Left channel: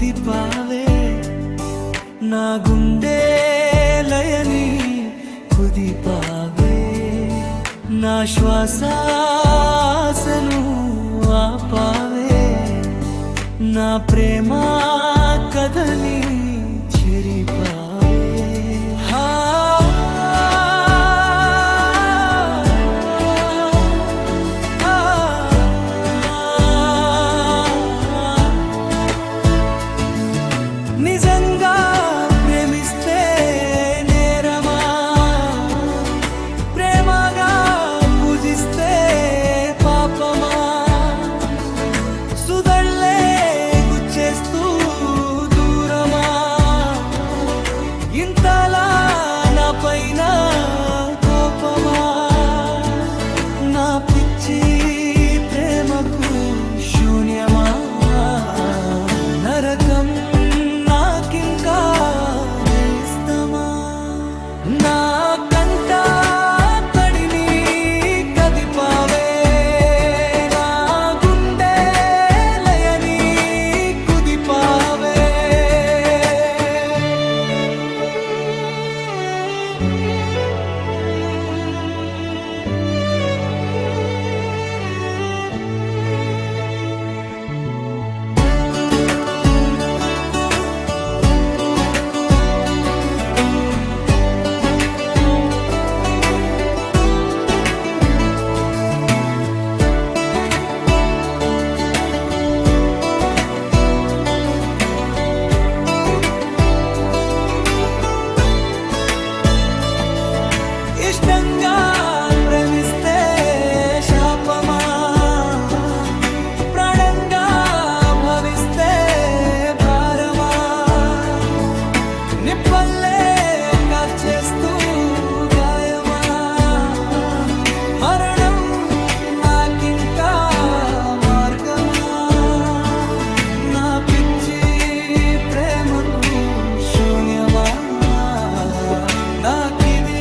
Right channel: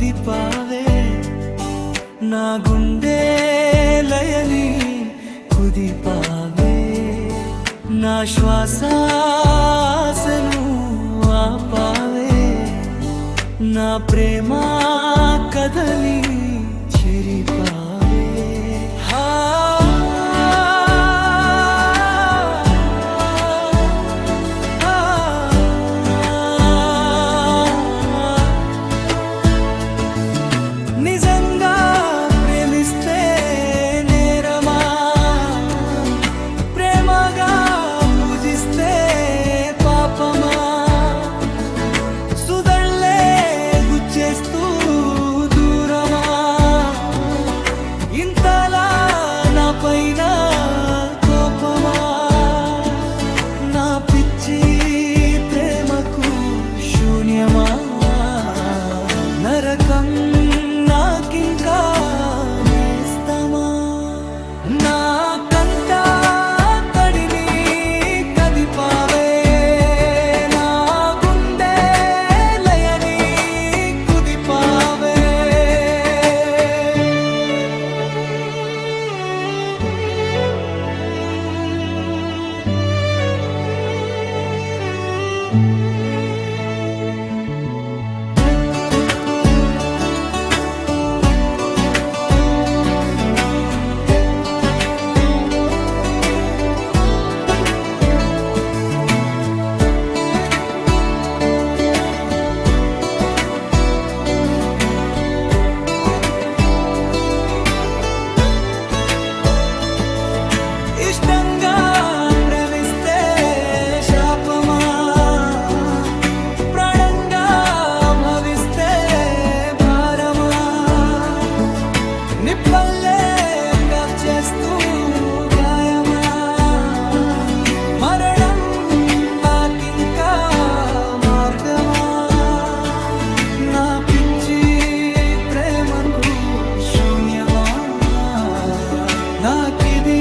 కుదిపావే నా గుండె లయని కుదిపావే నా శ్వాసను ఆపావే నా ప్రేమా కథని చెరిపా నిజంగా ప్రేమిస్తే నేరమా? ప్రేమగా పూజిస్తే పాపమా? సుదళ్ళే గుచ్చేస్తూ దూరమా? ఇంతలా నా పైన కోపమా? నా పిచ్చి ప్రేమకు శూన్యమా? నరకం నాకింకా నిప్పల్లే చేస్తూ గాయమా? మరణం నాకింకా మార్గమా? నా పిచ్చి ప్రేమకు శూన్యమా? నాకిది